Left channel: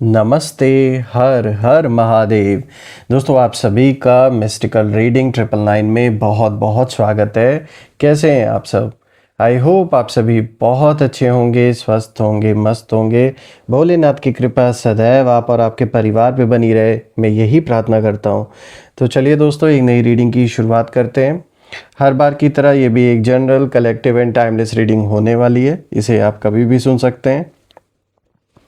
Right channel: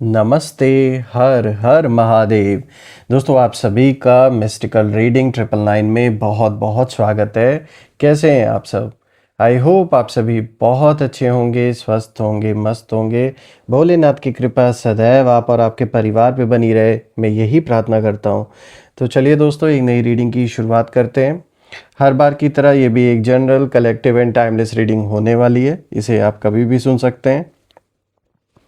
नमस्ते। हर हर महादेव। दोस्तों, आप सभी का मिस्टिकल रीडिंग 999 में बहुत बहुत स्वागत है। कैसे हैं आप सब? आई होप आप सभी बहुत अच्छे होंगे, स्वस्थ होंगे, मस्त होंगे। भोलेनाथ की कृपा सदैव आप और आपके परिवार पे बनी रहे, मैं यही प्रार्थना करता हूँ। तो चलिए दोस्तों, एक नई रीडिंग की शुरुआत करते हैं। हर बार की तरह ये भी एक general, collective and timeless reading होने वाली है। इसे आप कभी भी सुन सकते हैं।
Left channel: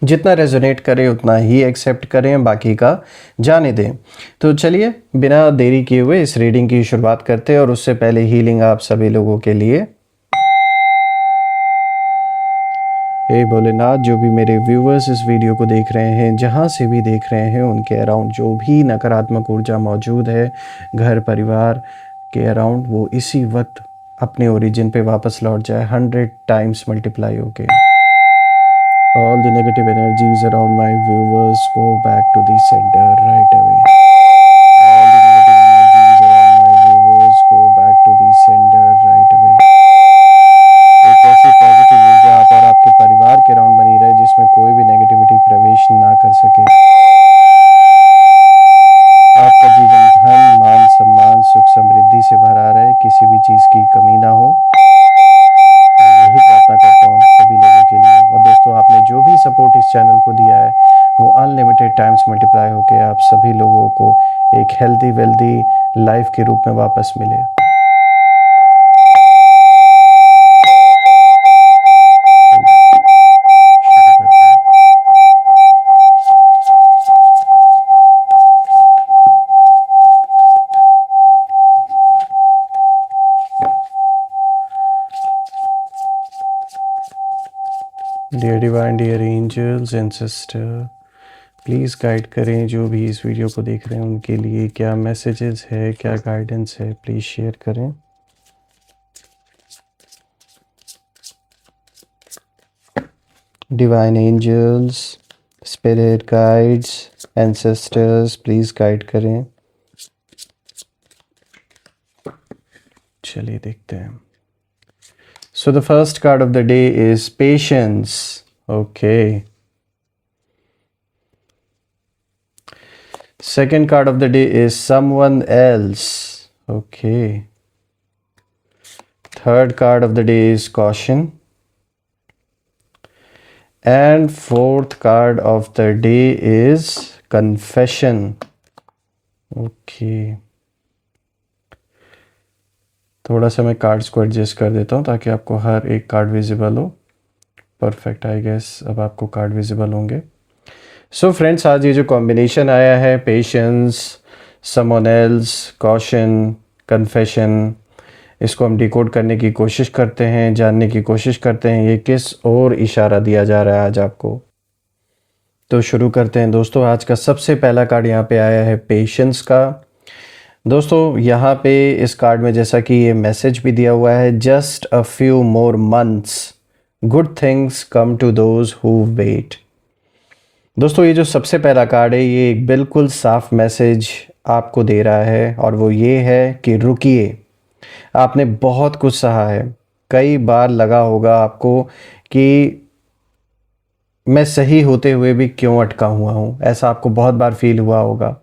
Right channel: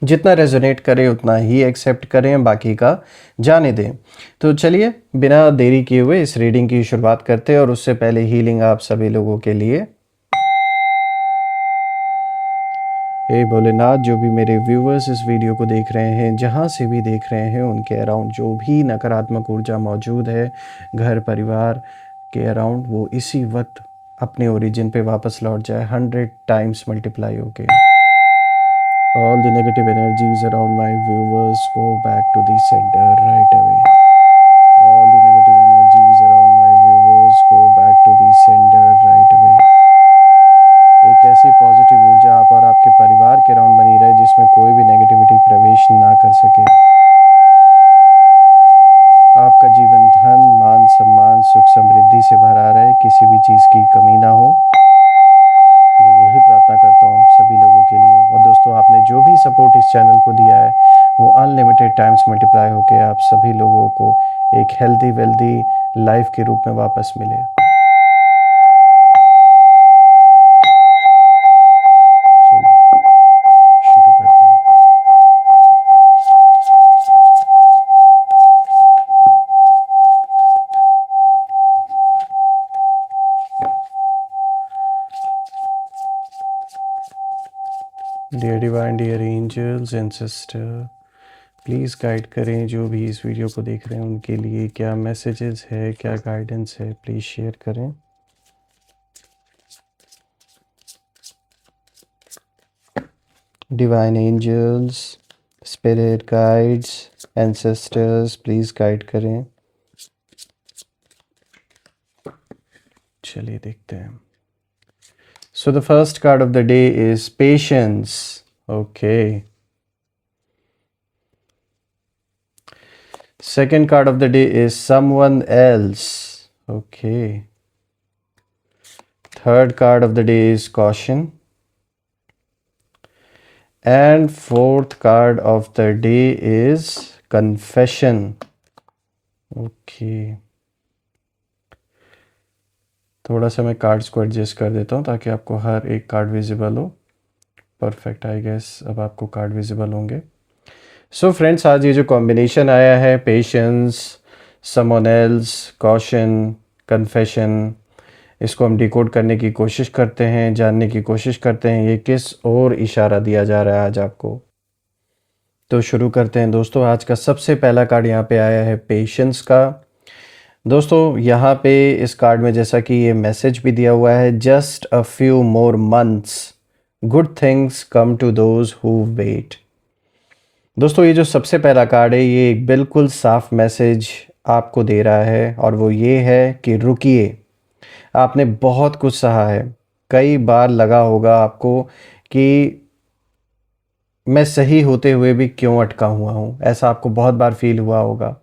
जितना रेजोनेट करे उतना ही एक्सेप्ट करें, बाकी का जाने दें। तो चलिए बिना देरी किए हुए इस रीडिंग की शुरुआत करते हैं। और उससे पहले हीलिंग आप सभी लोगों के लिए। हे भोलेनाथ, जो भी मेरे व्यूवर्स इस वीडियो को देख रहे हैं, जहाँ से भी देख रहे हैं, उनके अराउंड जो भी नकारात्मक ऊर्जा मौजूद है घर परिवार के अराउंड, वो इसी वक्त अपने ओरिजिन पे वापस लौट जाए 100 टाइम्स मल्टीप्लाई होके। All the negative energies around my viewers go back to the center right away. All the negative energies around my viewers go back to the center right away. एक ऐसी positive ऊर्जा आप और आपके परिवार के around बनी रहे जिसमें कोई भी नेगेटिविटी प्रवेश ना कर सके। आपका जीवन धन, मान, सम्मान, सुख, समृद्धि से भरा रहे, किसी भी चीज की कमी ना हो। मैं यही प्रार्थना करता हूँ सभी लोगों के लिए। और दोस्तों, आपने जो भी सपोर्ट इस चैनल को दिया है वो अनलिमिटेड टाइम्स मल्टीप्लाई होकर आप सभी लोगों को एक हेल्दी वेल्दी लाइफ के रूप में वापस मिले। शुरू करते हैं। Dear divine, dear angels and sister, please guide करें जो भी इस वीडियो को देख रहे हैं उनके लिए क्या मैसेजेस है, क्या गाइडेंस है, प्लीज़ शेयर करें। Divine angels, spirit guides, ancestors, please guide करें। चलिए देखते हैं। So the first card of the day is patience. Okay. Second card of the day is someone else. Okay. Third card of the day is caution. And fourth card of the day is confession. Okay. थोड़ा सा मैं cards को adjust कर देता हूँ ताकि आपको हर एक कार्ड विजिबल हो। परफेक्ट, आई गेस अब आपको कार्ड विजिबल होंगे। सो फ्रेंड्स, आज ये जो कॉम्बिनेशन आया है, patience, someone else, caution, confession, इसको हम डिकोड करने की कोशिश करते हैं, जानने की कोशिश करते हैं ये किस और इशारा दिया जा रहा है आज आपको। तो शुरू करते हैं दोस्तों। आज का सबसे पहला कार्ड यहाँ पे आया है पेशेंस का। दोस्तों, यहाँ पे इस कार्ड में जैसा कि ये मैसेज भी दिया हुआ है, just a few more months, good things come to those who wait. दोस्तों, ये जो सबसे पहला कार्ड है ये एक बिल्कुल साफ मैसेज आपको दे रहा है, और वो ये है कि रुकिए। आपने बहुत कुछ सहा है, कई बार लगा होगा आपको कि मैं सही होते हुए भी क्यों अटका हुआ हूँ, ऐसा आपको बहुत बार फील हुआ होगा।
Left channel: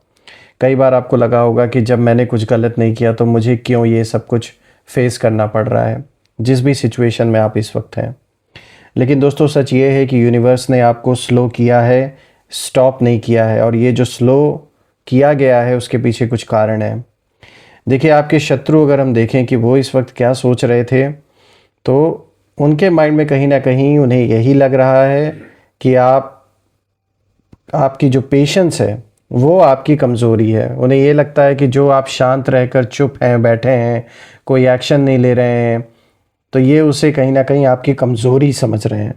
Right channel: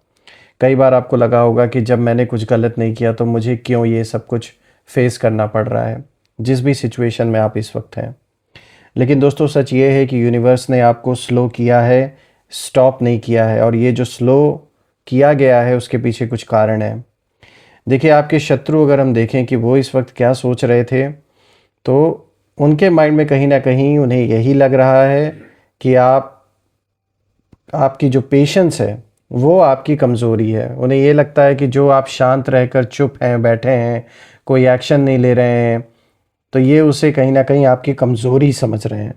कई बार आपको लगा होगा कि जब मैंने कुछ गलत नहीं किया तो मुझे क्यों ये सब कुछ फेस करना पड़ रहा है, जिस भी सिचुएशन में आप इस वक्त हैं। लेकिन दोस्तों, सच ये है कि यूनिवर्स ने आपको स्लो किया है, स्टॉप नहीं किया है। और ये जो स्लो किया गया है उसके पीछे कुछ कारण है। देखिए, आपके शत्रु अगर हम देखें कि वो इस वक्त क्या सोच रहे थे, तो उनके माइंड में कहीं ना कहीं उन्हें यही लग रहा है कि आपकी जो पेशेंस है वो आपकी कमज़ोरी है। उन्हें ये लगता है कि जो आप शांत रहकर चुप हैं, बैठे हैं, कोई एक्शन नहीं ले रहे हैं, तो ये उसे कहीं ना कहीं आपकी कमज़ोरी समझ रहे हैं।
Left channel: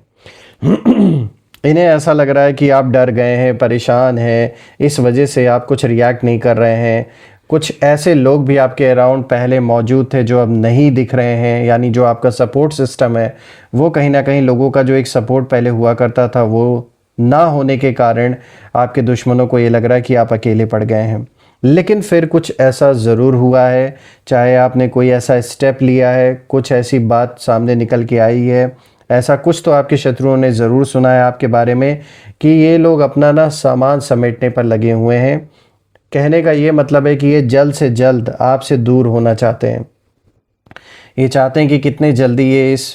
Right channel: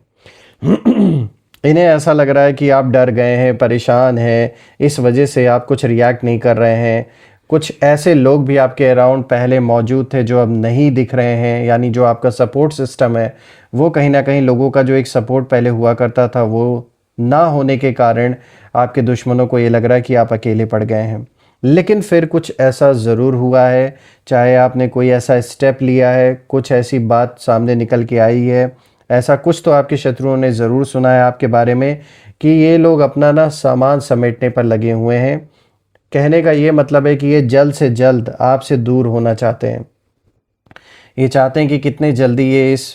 इन्हें ऐसा लग रहा है कि आप डर गए हैं, परेशान हैं, इस वजह से आप कुछ रिएक्ट नहीं कर रहे हैं। कुछ ऐसे लोग भी आपके अराउंड पहले मौजूद थे जो अब नहीं दिख रहे हैं, यानी जो आपका सपोर्ट सिस्टम है वो कहीं ना कहीं, लोगों का जो एक सपोर्ट पहले हुआ करता था वो ना होने के कारण आपके दुश्मनों को ये लग रहा है कि आप अकेले पड़ गए हैं। लेकिन फिर कुछ ऐसा ज़रूर हुआ है, चाहे आपने कोई ऐसा स्टेप लिया है, कुछ ऐसी बात सामने निकल के आई है, ऐसा कुछ तो आपके शत्रुओं ने ज़रूर सुना है आपके बारे में कि ये लोग अपना ना सामान समेटने पर लगे हुए हैं। कहने का ये मतलब है कि ये जल्द से जल्द आपसे दूर होना चाहते हैं। ये चाहते हैं कि कितने जल्दी ये इस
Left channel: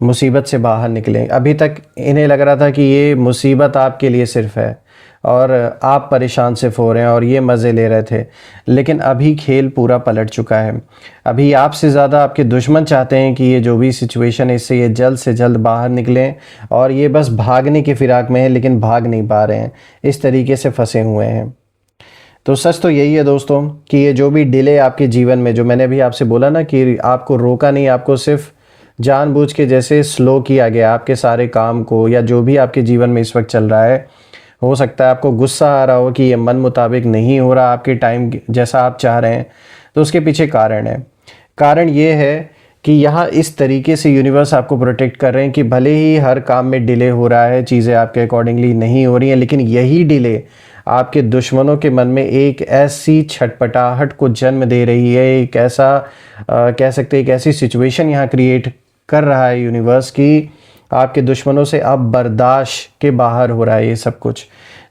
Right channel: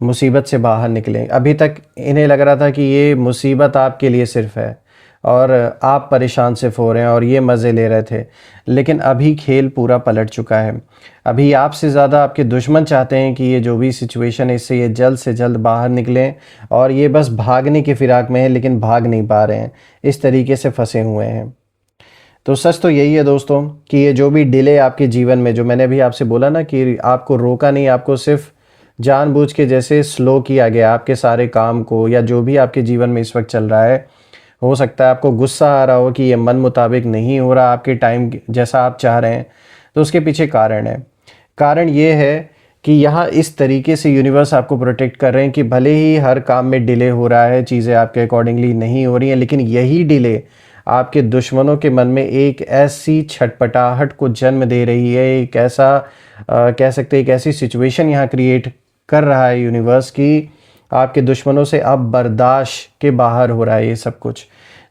मुसीबत से बाहर निकलें। अभी तक इन्हें लग रहा था कि ये मुसीबत आपके लिए सिर्फ है और आप परेशान सिर्फ हो रहे हैं और ये मज़े ले रहे थे, लेकिन अभी खेल पूरा पलट चुका है। अभी आपसे ज़्यादा आपके दुश्मन चाहते हैं कि ये जो भी सिचुएशन है इससे ये जल्द से जल्द बाहर निकलें, और ये बस भागने की फिराक में है लेकिन भाग नहीं पा रहे हैं, इस तरीके से फंसे हुए हैं। तो सच तो यही है दोस्तों कि ये जो भी डिले आपके जीवन में, जो मैंने अभी आपसे बोला ना कि आपको रोका नहीं, आपको सिर्फ जानबूझ के जैसे स्लो किया गया आपके सारे काम को, या जो भी आपके जीवन में इस वक्त चल रहा है। हो सकता है आपको गुस्सा आ रहा हो कि ये मन मुताबिक नहीं हो रहा आपके टाइम जैसा आप चाह रहे हैं, तो उसके पीछे कारण है। कारण ये है कि यहाँ इस तरीके से यूनिवर्स आपको प्रोटेक्ट कर रहे हैं कि भले ही हर काम में डिले हो रहा है, चीज़ें आपके अकॉर्डिंगली नहीं हो रही हैं, लेकिन यही डिले आपके दुश्मनों के मन में एक ऐसी छटपटाहट को जन्म दे रही है, एक ऐसा कह सकते हैं एक ऐसी सिचुएशन यहाँ क्रिएट कर रहा है यूनिवर्स कि आपके दुश्मनों से अब बर्दाश्त के बाहर हो रहा है ये सब कुछ।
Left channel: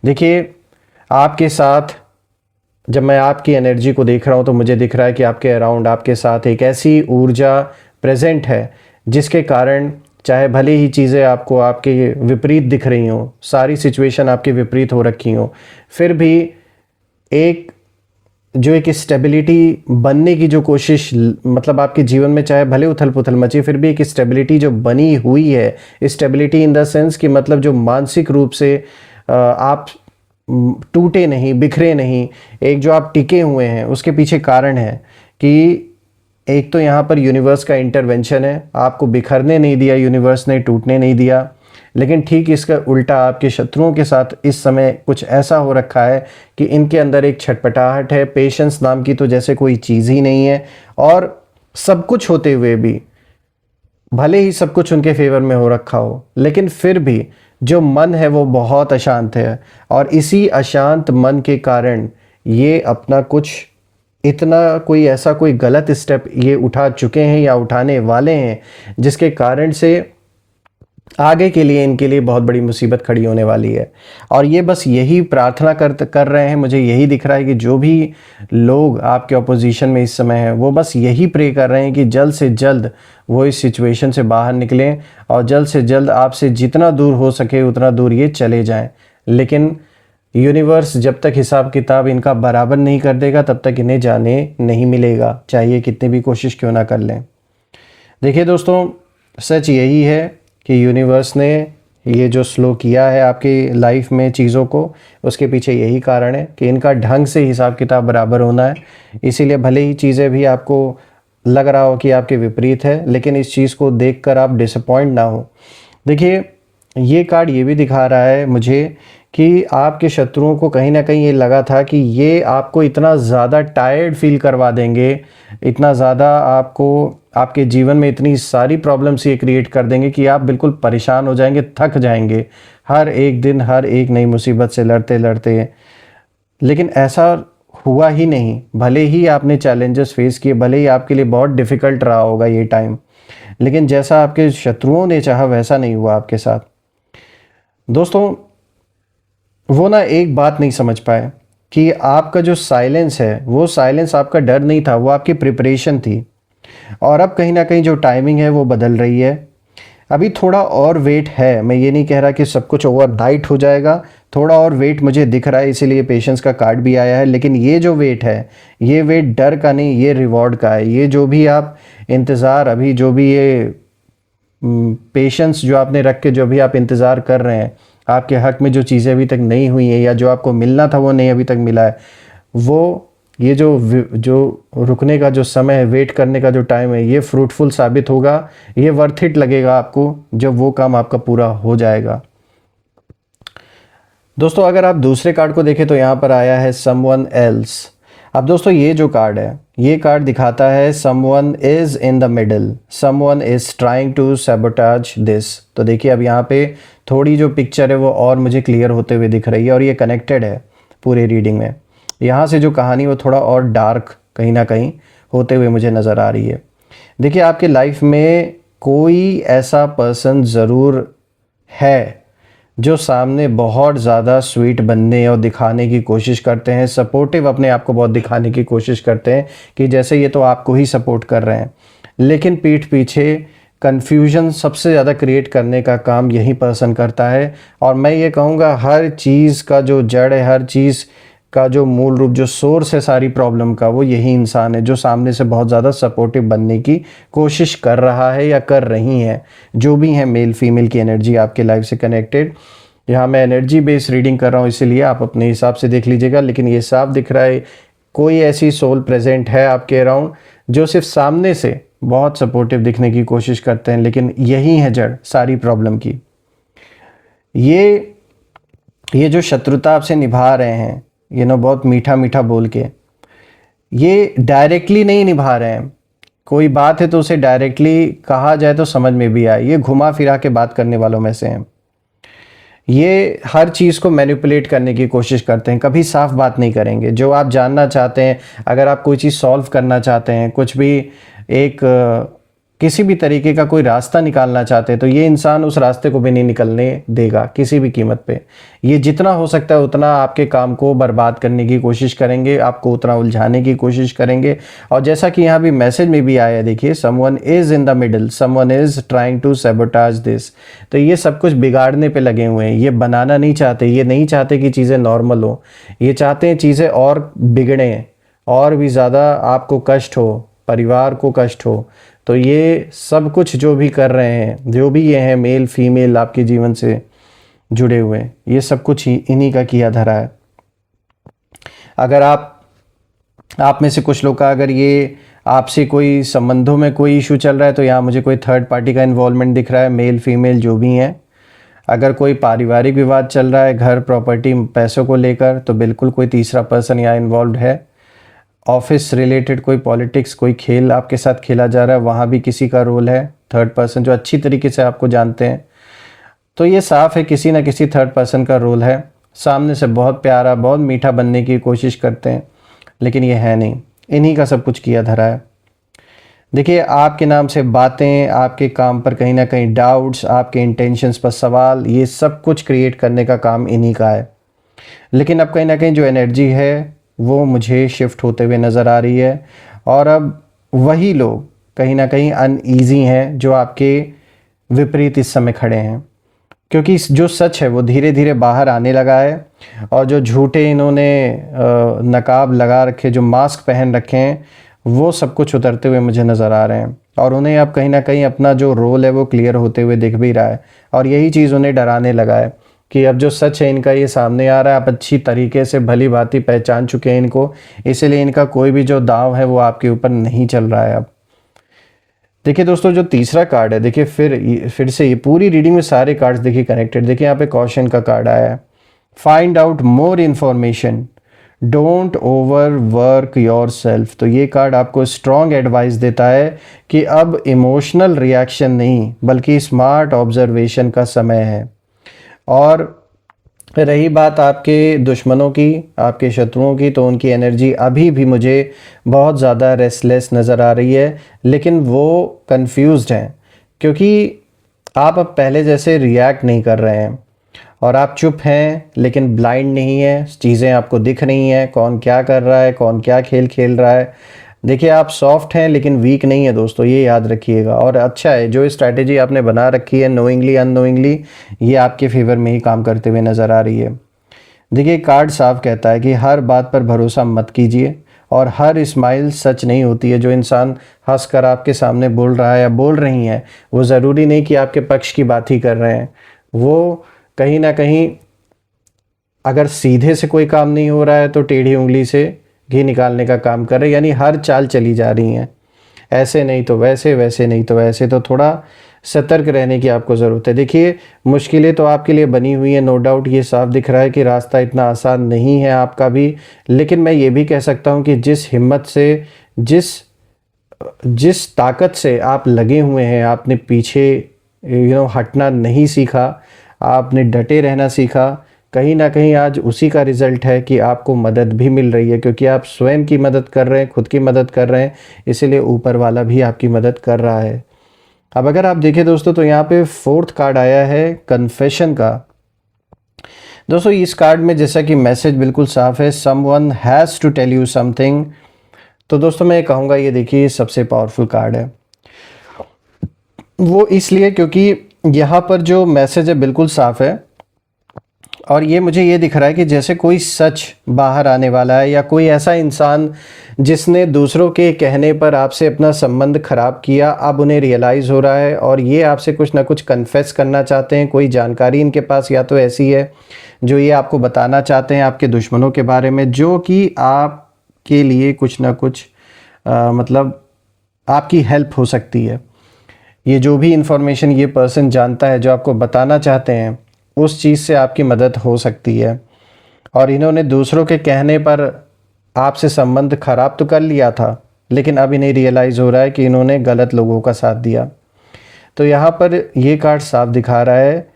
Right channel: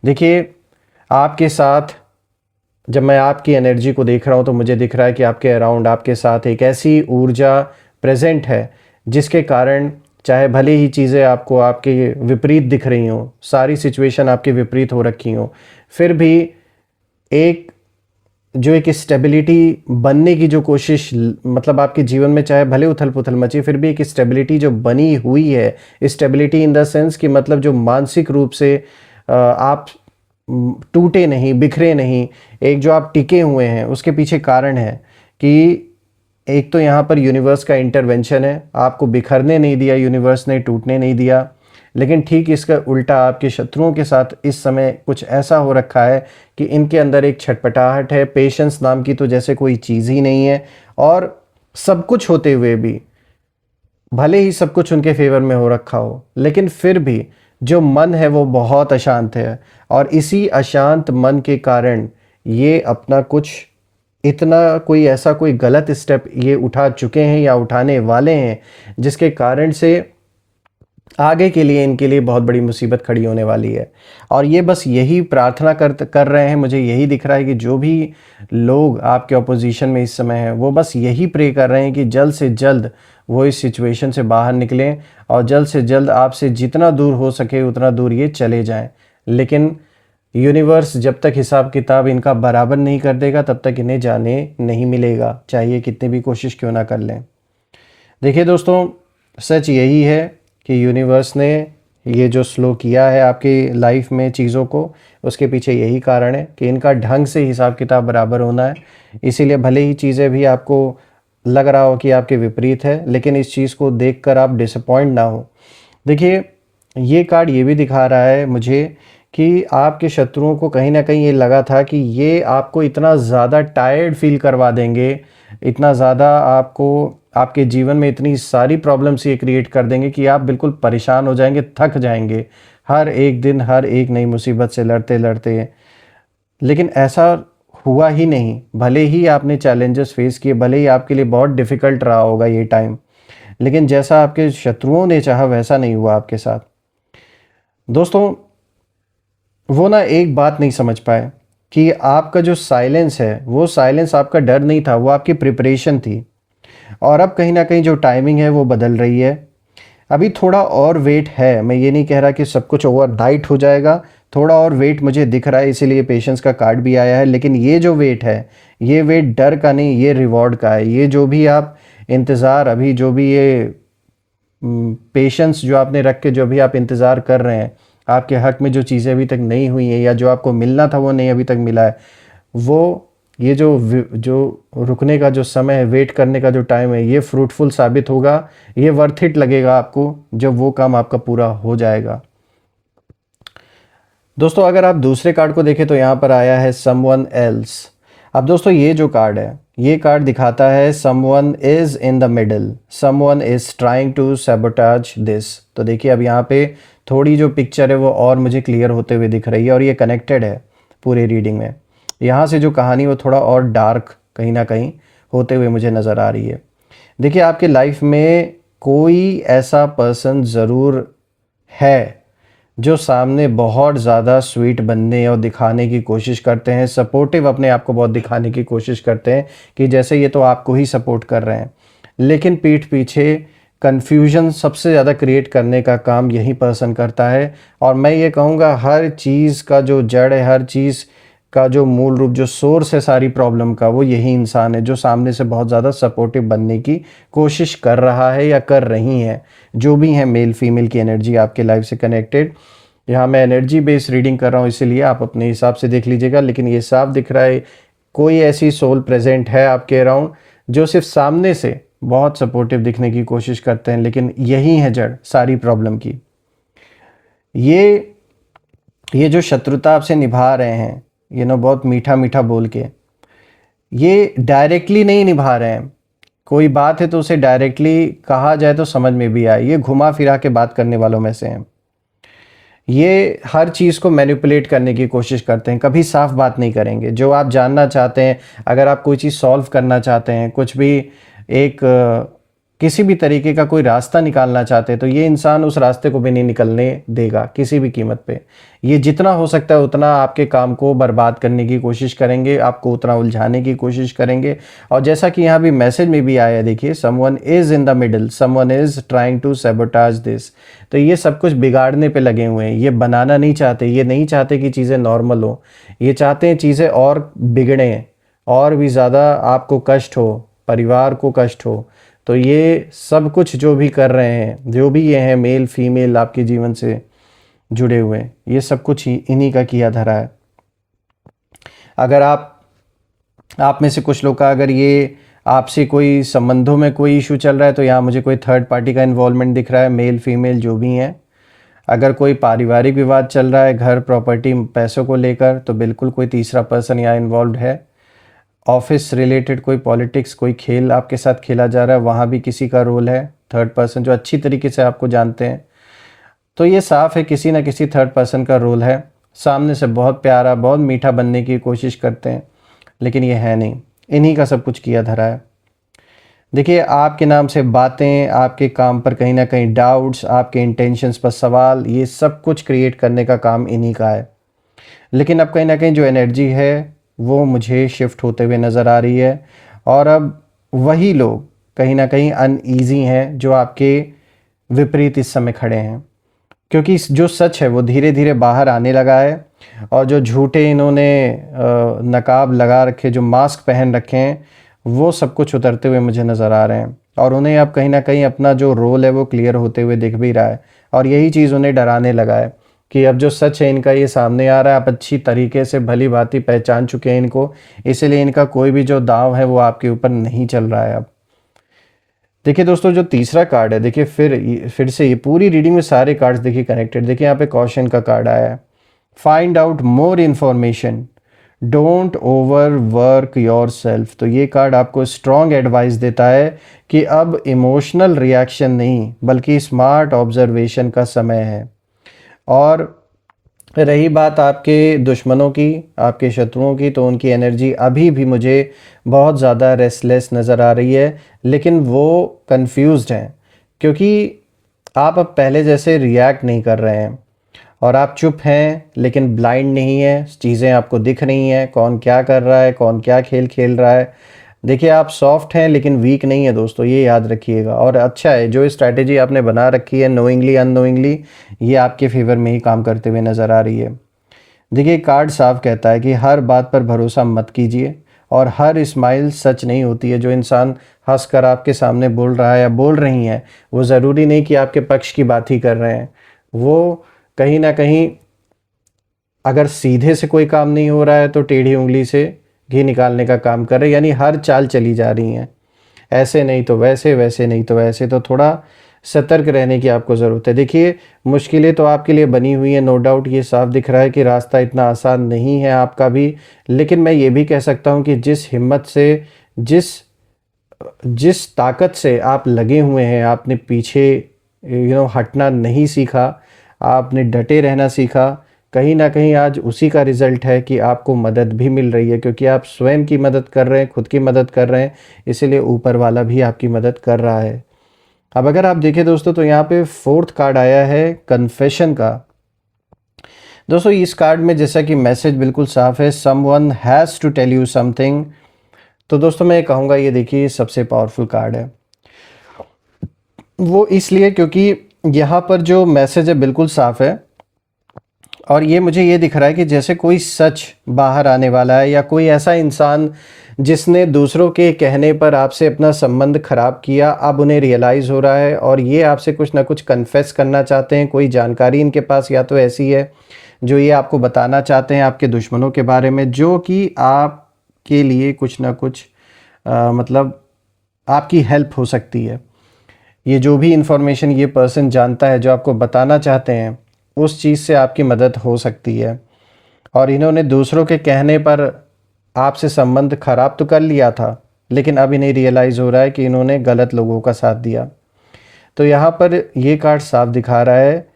देखिए, आपके साथ जब मैं आपकी एनर्जी को देख रहा हूँ तो मुझे दिख रहा है कि आपके अराउंड, आपके साथ एक ऐसी ऊर्जा प्रेजेंट है जिसके कारण चाहे भले ही चीज़ें आपको आपके विपरीत दिख रही हों, सारी सिचुएशन आपके विपरीत हो रखी हों, फिर भी एक जो एक स्टेबिलिटी बनने की जो कोशिश, मतलब आपके जीवन में चाहे भले उथल पुथल मचे, फिर भी एक स्टेबिलिटी जो बनी हुई है, स्टेबिलिटी इन द सेंस कि मतलब जो मानसिक रूप से आप टूटे नहीं, बिखरे नहीं, एक जो आप टिके हुए हैं, उसके पीछे कारण है कि एक तो यहाँ पर यूनिवर्स का इंटरवेंशन है। आपको बिखरने नहीं दिया यूनिवर्स ने, टूटने नहीं दिया। लेकिन ठीक इसका उल्टा आपके शत्रुओं के साथ इस समय कुछ ऐसा हो रखा है कि इनके अंदर एक छटपटाहट है, पेशेंस नाम की तो जैसे कोई चीज़ ही नहीं है। और सब कुछ होते हुए भी, भले ही सब कुछ उनके फेवर में हो रखा हो, लेकिन फिर भी जो मन है वो बहुत अशांत है। और इसी अशांत मन के कारण ये अपना कुछ इतना कोई ऐसा कोई गलत स्टेप ये उठा चुके हैं या उठाने वाले हैं, जिसके कारण से आगे के लिए इनके लिए बहुत बड़ी मुसीबत खड़ी होने वाली है। और ये बस यही प्रार्थना कर रहे हैं। मुझे यही दिख रहा है कि जो भी लोग आपके ऑपोजिशन में इस समय हैं वो बस यही प्रे कर रहे हैं कि जल्द से जल्द वो इस सिचुएशन से बाहर निकलें और जल्द से जल्द आपसे जितना दूर हो सके उतना दूर ये चले जाएं। लेकिन यूनिवर्स जब तक हिसाब किताब इनका बराबर नहीं कर देगा तब तक इन्हें जाने नहीं मिलेगा, चाहिए कितनी भी कोशिश क्यों ना कर लें। देखिए दोस्तों, सच यही है कि यूनिवर्स ने ये जो स्लो किया है आपकी लाइफ में चीज़ों को, उसके पीछे यही कारण है कि इनका ढंग से हिसाब किताब बराबर होना है। इसीलिए भले ही चीज़ें भी आपको लग रहा हो कि आपके विपरीत है, लेकिन इस चीज़ को देखकर आप डिसअपॉइंट ना हो। देखिए, ये कार्ड ये भी दिखा रहा है मुझे कि आपके शत्रुओं को कहीं ना कहीं ये लगा था कि ये आपको इतना ज़्यादा टायर्ड फील करवा देंगे, इतना ज़्यादा आपको आपके जीवन में इतनी सारी प्रॉब्लम्स ये क्रिएट कर देंगे कि आप बिल्कुल परेशान हो जाएंगे, थक जाएंगे हर एक दिन हर एक नई मुसीबत से लड़ते लड़ते। लेकिन ऐसा हुआ ही नहीं। भले ही आपने चैलेंजेस फेस किए, भले ही आपके लिए बहुत डिफ़िकल्ट रहा होगा ये टाइम, लेकिन जैसा आपके शत्रुओं ने चाहा वैसा नहीं हुआ आपके साथ। दोस्तों, वो ना एक बात नहीं समझ पाए कि आपका जो साइलेंस है वो साइलेंस आपका डर नहीं था, वो आपकी प्रिपरेशन थी। और अब कहीं ना कहीं जो टाइमिंग है वो बदल रही है। अभी थोड़ा और वेट है, मैं ये नहीं कह रहा कि सब कुछ ओवरनाइट हो जाएगा, थोड़ा और वेट मुझे दिख रहा है, इसीलिए पेशेंस का कार्ड भी आया है। लेकिन ये जो वेट है, ये वेट डर का नहीं, ये रिवॉर्ड का है। ये जो भी आप इंतज़ार, अभी जो भी ये पेशेंस जो आपने रख के जो भी आप इंतज़ार कर रहे हैं, आपके हक में जो चीज़ें अभी तक नहीं हुई हैं या जो आपको मिलना था वो नहीं अभी तक मिला है, वो ये जो रुकने का जो समय है, वेट करने का जो टाइम है, ये फ्रूटफुल साबित होगा, ये वर्थ इट लगेगा आपको जब वो काम आपका पूरा हो जाएगा। दोस्तों, अगर आप दूसरे कार्ड को देखें तो यहाँ पर आया है समवन एल्स। अब दोस्तों, ये जो कार्ड है, ये कार्ड दिखाता है someone is in the middle, someone is trying to sabotage this. तो देखिए, अब यहाँ पे थोड़ी जो पिक्चर है वो और मुझे क्लियर होते हुए दिख रही है और ये कनेक्टेड है पूरी रीडिंग में। यहाँ से जो कहानी वो थोड़ा और डार्क कहीं ना कहीं होते हुए मुझे नज़र आ रही है। देखिए, आपकी लाइफ में कोई ऐसा पर्सन ज़रूर है जो सामने बहुत ज़्यादा स्वीट बनने और दिखाने की कोशिश करते हैं, सपोर्टिव अपने आप को बहुत दिखाने की कोशिश करते हैं कि जैसे ये तो आपको ही सपोर्ट कर रहे हैं, लेकिन पीठ पीछे कन्फ्यूजन सबसे ज़्यादा क्रिएट करने का काम यही पर्सन करता है। और मैं ये कहूँगा हर चीज़ का जो जड़ है, हर चीज़ का जो मूल रूप, जो सोर्स है सारी प्रॉब्लम का, वो यही इंसान है जो सामने से बहुत ज़्यादा सपोर्टिव बनने की कोशिश कर रहा है या कर रही हैं, जो भी हैं मेल फीमेल की एनर्जी आपके लाइफ से कनेक्टेड। यहाँ मैं एनर्जी बेस्ड रीडिंग कर रहा हूँ, इसीलिए आप अपने हिसाब से देख लीजिएगा, लेकिन ये साफ दिख रहा है कोई ऐसी सोल प्रेजेंट है आपके अराउंड जो सिर्फ सामने से बहुत सपोर्टिव दिखने की कोशिश करते हैं, लेकिन यही है जड़ सारी प्रॉब्लम की। ये जो शत्रुता आपसे निभा रहे हैं, बहुत मीठा मीठा बोल के, ये डायरेक्टली नहीं निभा रहे हैं। कोई बात है तो उसे डायरेक्टली कहा जाए तो समझ में भी आए, ये घुमा फिरा के बात करने वालों में से हैं। ये हर चीज़ को मैनिपुलेट करने की कोशिश करते हैं, कभी साफ बात नहीं करेंगे। जो आप जानना चाहते हैं, अगर आप कोई चीज़ सॉल्व करना चाहते हैं, कुछ भी एक किसी भी तरीके का कोई रास्ता निकालना चाहते हैं, तो ये इंसान उस रास्ते को भी नहीं निकलने देगा किसी भी कीमत पे। ये जितना हो सकता है उतना आपके काम को बर्बाद करने की कोशिश करेंगे, आपको उतना उलझाने की कोशिश करेंगे। और जैसा कि यहाँ भी मैसेज में भी आया, देखिए, someone is in the middle, someone is trying to sabotage this. तो ये सब कुछ बिगाड़ने पे लगे हुए हैं, ये बनाना नहीं चाहते, ये नहीं चाहते कि चीज़ें नॉर्मल हो, ये चाहते हैं चीज़ें और बिगड़ें, और भी ज़्यादा आपको कष्ट हो, परिवार को कष्ट हो। तो ये सब कुछ जो भी कर रहे हैं, जो भी ये हैं मेल फीमेल आपके जीवन से जुड़े हुए, ये सब कुछ ही इन्हीं का किया धरा है। अगर आप में से कुछ लोग का अगर ये आपसे कोई संबंधों में कोई इशू चल रहा है, तो यहाँ मुझे कोई थर्ड पार्टी का इन्वॉल्वमेंट दिख रहा है, मेल फीमेल जो भी हैं। अगर कोई पारिवारिक विवाद चल रहा है, घर प्रॉपर्टी पैसों को लेकर, तो बिल्कुल कोई तीसरा पर्सन यहाँ इन्वॉल्व है। ऑफिस रिलेटेड कोई पॉलिटिक्स, कोई खेल आपके साथ खेला जा रहा है, वहाँ भी किसी का रोल है, थर्ड पर्सन जो अच्छी तरीके से आपको जानते हैं। तो ये साफ है किसी ना किसी थर्ड पर्सन का रोल है। सामने से बहुत प्यारा, बहुत मीठा बनने की कोशिश करते हैं, लेकिन ये है नहीं, इन्हीं का सब कुछ किया धरा है। देखिए, आपके नाम से बातें, आपके काम पर कहीं ना कहीं डाउट्स, आपके इंटेंशंस पर सवाल, ये सब कुछ क्रिएट करने का काम इन्हीं का है। लेकिन अब कहीं ना कहीं जो एनर्जी है वो मुझे शिफ्ट होते हुए नज़र आ रही है, और अब वही लोग कहीं ना कहीं अनईजी हैं जो आपके विपरीत इस समय खड़े हैं, क्योंकि जो सच है वो धीरे धीरे बाहर आने लगा है, और जो झूठे इन्होंने नकाब लगा रखे, जो मास्क पहन रखे हैं, वो सब कुछ उतरते हुए मुझे नज़र आ रहे हैं। और उन्हें अब कहीं ना कहीं अपना जो रोल है वो क्लियर होते हुए दिख भी रहा है, और यही चीज़ उन्हें डराने लगा है कि अब जो सच है इनका ये सामने आ रहा है। आप अच्छी तरीके से भली भांति पहचान चुके हैं इनको, इसलिए इनका कोई भी जो दांव है वो आपके ऊपर नहीं चल रहा है अब। देखिए दोस्तों, जो तीसरा कार्ड है, देखिए फिर से ये पूरी रीडिंग में सारे कार्ड्स देखिए कनेक्टेड। देखिए यहाँ पे कॉशन का कार्ड आया है, find out more information, don't over work your self. तो ये कार्ड आपको स्ट्रॉन्ग एडवाइस देता है कि अब इमोशनल रिएक्शन नहीं बल्कि स्मार्ट ऑब्जर्वेशन का समय है। और रही बात आपके दुश्मनों की, आपके शत्रुओं की, तो उनकी एनर्जी अभी भी मुझे बहुत ज़्यादा रेस्टलेस नज़र आ रही है, लेकिन वो कंफ्यूज्ड हैं, क्योंकि आप अब पहले जैसे रिएक्ट नहीं कर रहे हैं, और आप चुप हैं लेकिन ब्लाइंड नहीं है, चीज़ें आपको दिख रही हैं, कौन क्या कर रहा है, कौन क्या खेल खेल रहा है। देखिए, आप सॉफ्ट हैं लेकिन वीक नहीं है दोस्तों, ये याद रखिएगा। और अच्छा है जो स्ट्रैटेजी आपने बना रखी है नोइंगली अननोइंगली, ये आपके फेवर में ही काम करते हुए नज़र आ रही है। देखिए, कार्ड साफ कहता है कि हर बात पर भरोसा मत कीजिए, और हर स्माइल सच नहीं होती है। जो इंसान हंसकर आपके सामने बोल रहा है या बोल रही हैं, वो ज़रूरी नहीं कि आपके पक्ष की बात ही कर रहे हैं। वो कहीं ना कहीं अगर सीधे से कोई काम नहीं हो रहा है तो टेढ़ी उंगली से घी निकालने का काम कर रहे हैं, यानी हर चाल चली जा रही हैं, ऐसे नहीं तो वैसे, वैसे नहीं तो वैसे। तो थोड़ा सतर्क रहने की आपको ज़रूरत है। देखिए, मुश्किलें तो आपके लिए बनी हुई हैं, नो डाउट, ये साफ दिख रहा है कि रास्ता इतना आसान नहीं है आपका भी। लेकिन मैं ये भी कह सकता हूँ कि जिस हिम्मत से, जिस जिस ताकत से आप लगे हुए हैं, आपने पीछे हटना नहीं सीखा, आपने डटे रहना सीखा, कहीं ना कहीं आज उसी का रिजल्ट है कि आपको मदद भी मिल रही है, क्योंकि आप स्वयं की मदद कर रहे हैं, खुद की मदद कर रहे हैं, इसलिए ऊपर वाला भी आपकी मदद कर रहा है। अब अगर आप देखें दोस्तों, तो यहाँ पे फोर्थ कार्ड आया है कन्फेशन का। दोस्तों इस कार्ड में जैसा कि मैसेज बिल्कुल साफ है, someone has to tell you something. तो दोस्तों मैं कहूँगा ये देखिए सबसे पावरफुल कार्ड है। वो इसलिए क्योंकि यहाँ पर जो मैसेज है बिल्कुल साफ है, और ये मुझे ये दिख रहा है कि जैसे कोई सच बाहर आने वाला है, या कोई ऐसा इंसान जिसने दूसरों के कहने पर आपसे अपना संबंध खराब किया, अब उन्हें रियलाइज़ हो रहा है और ये आपसे कुछ ना कुछ कन्फेस करना चाहते हैं। कोई जानकारी इनके पास या तो ऐसी है जो ये आपको बताना चाहते हैं आपके दुश्मनों के बारे में, जो कि आपके लिए कुछ ना कुछ मतलब आपकी हेल्प हो सकती है। ये जो भी इंफॉर्मेशन ये पर्सन जानता है जो आपको बताना चाहते हैं, उस चीज़ से आपकी मदद हो सकती है। और इन्होंने दूसरों के कहने पर आपसे संबंध खराब तो कर लिया था, लेकिन अब इन्हें रियलाइज़ हो रहा है कि इन्होंने गलत लोगों का साथ दिया। तो यहाँ पर ये कार्ड साफ दिखा रहा है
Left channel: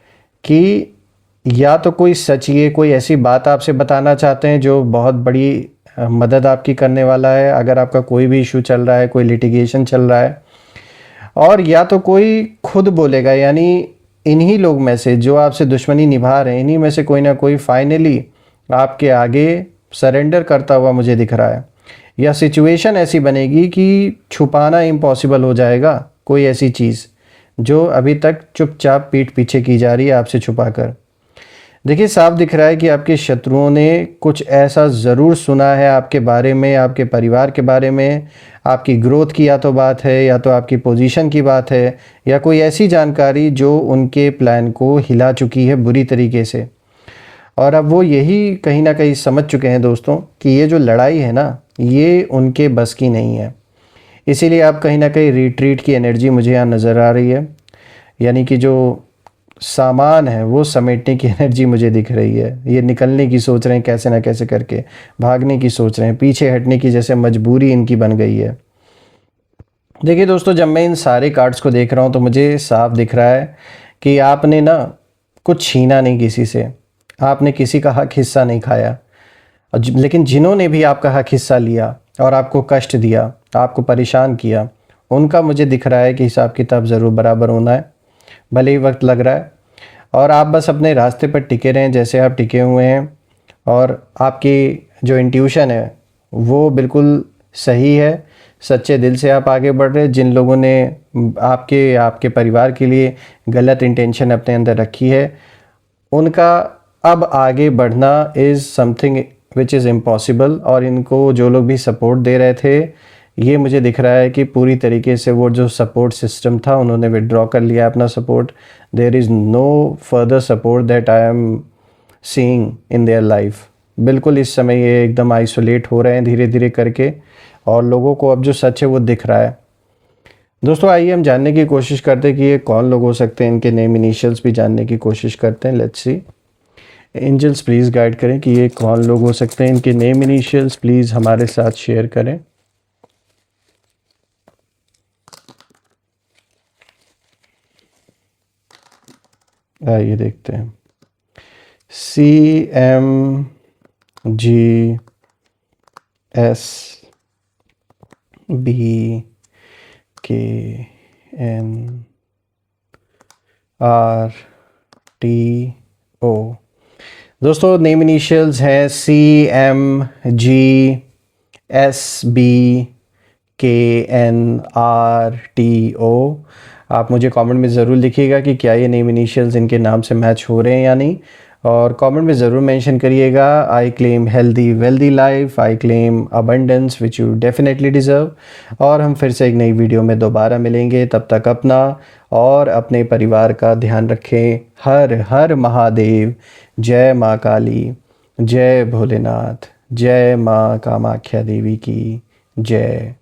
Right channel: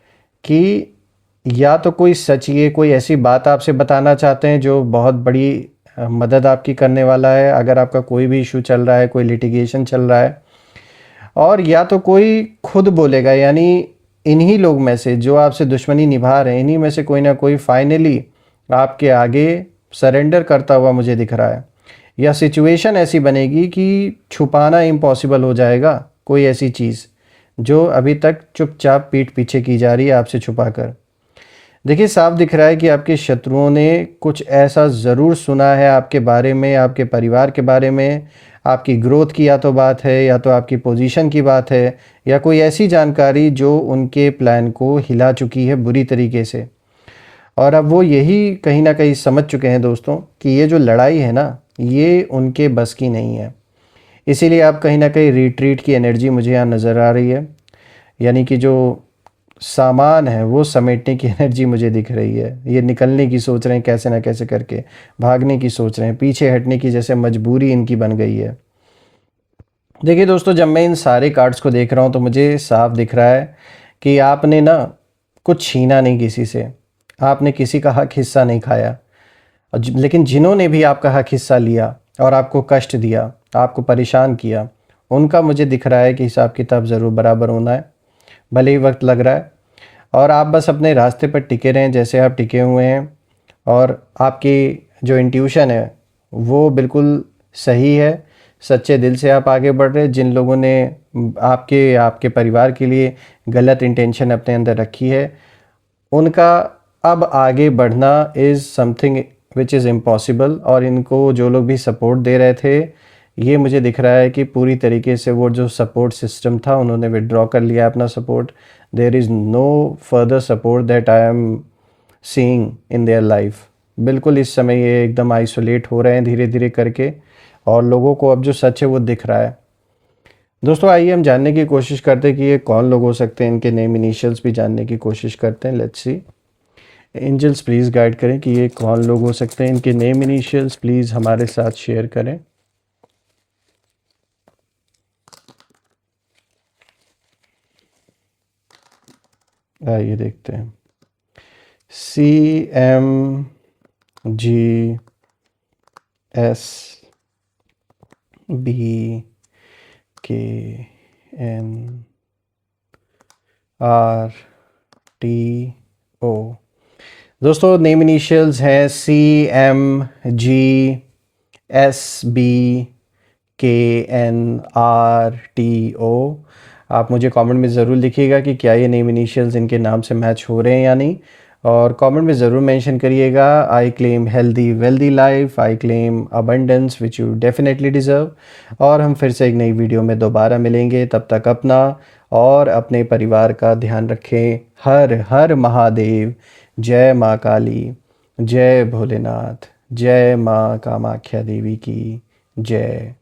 कि या तो कोई सच, ये कोई ऐसी बात आपसे बताना चाहते हैं जो बहुत बड़ी मदद आपकी करने वाला है, अगर आपका कोई भी इशू चल रहा है, कोई लिटिगेशन चल रहा है। और या तो कोई खुद बोलेगा, यानी इन्हीं लोग में से जो आपसे दुश्मनी निभा रहे हैं, इन्हीं में से कोई ना कोई फाइनली आपके आगे सरेंडर करता हुआ मुझे दिख रहा है। या सिचुएशन ऐसी बनेगी कि छुपाना इम्पॉसिबल हो जाएगा कोई ऐसी चीज़ जो अभी तक चुपचाप पीठ पीछे की जा रही है आपसे छुपा कर। देखिए साफ दिख रहा है कि आपके शत्रुओं ने कुछ ऐसा ज़रूर सुना है आपके बारे में, आपके परिवार के बारे में, आपकी ग्रोथ की या तो बात है, या तो आपकी पोजीशन की बात है, या कोई ऐसी जानकारी जो उनके प्लान को हिला चुकी है बुरी तरीके से। और अब वो यही कहीं ना कहीं समझ चुके हैं दोस्तों कि ये जो लड़ाई है ना, ये उनके बस की नहीं है। इसीलिए आप कहीं ना कहीं रिट्रीट की एनर्जी मुझे यहाँ नज़र आ रही है, यानी कि जो सामान है वो समेटने की एनर्जी मुझे दिख रही है। ये निकलने की सोच रहे हैं कैसे ना कैसे करके, भागने की सोच रहे हैं, पीछे हटने की जैसे मजबूरी इनकी बन गई है। देखिए दोस्तों, जब मैं इन सारे कार्ड्स को देख रहा हूँ तो मुझे साफ दिख रहा है कि आपने ना कुछ छीना नहीं किसी से, आपने किसी का हक हिस्सा नहीं खाया। लेकिन जिन्होंने भी आपका हक हिस्सा लिया और आपको कष्ट दिया, आपको परेशान किया, उनका मुझे दिख रहा है कि हिसाब किताब ज़रूर बराबर होना है, भले ही वक्त लग रहा है। और आप बस अपने रास्ते पर टिके रहें जैसे आप टिके हुए हैं, और आपकी जो इंट्यूशन है वो बिल्कुल सही है। सच्चे दिल से आप आगे बढ़ रहे हैं। जिन लोगों ने आपके आपके परिवार के लिए गलत इंटेंशन अपने अंदर रखी है, उनका अब आगे बढ़ना is something which is impossible. और इनको जो लोग भी सपोर्ट दे रहे थे, ये मुझे दिख रहा है कि पूरी तरीके से वो जो सपोर्ट सिस्टम था उन्होंने विड्रॉ कर लिया अपना support. There is no further support that I am seeing in their life. बिल्कुल इस समय ये एकदम आइसोलेट हो रहे हैं धीरे धीरे करके, और लोगों को अब जो सच है वो दिख रहा है। दोस्तों आइए हम जानने की कोशिश करते हैं कि ये कौन लोग हो सकते हैं, इनके नेम इनिशियल्स भी जानने की कोशिश करते हैं। Let's see, angels please guide करें कि ये कौन लोग हो सकते हैं, इनके नेम इनिशियल्स प्लीज़ हमारे साथ शेयर करें। आइए देखते हैं। CMGSBKNRTO। दोस्तों नेम इनिशियल्स हैं CMGSBKNRTO। आप मुझे कमेंट में ज़रूर लिखिएगा कि क्या ये नेम इनिशियल्स इनके नाम से मैच हो रहे हैं या नहीं, और कमेंट में ज़रूर मेंशन करिएगा I claim healthy wealthy life, I claim abundance which you definitely deserve. और हम फिर से एक नई वीडियो में दोबारा मिलेंगे, तब तक अपना और अपने परिवार का ध्यान रखें। हर हर महादेव। जय माँ काली, जय भोलेनाथ, जय माँ कामाख्या देवी की जय।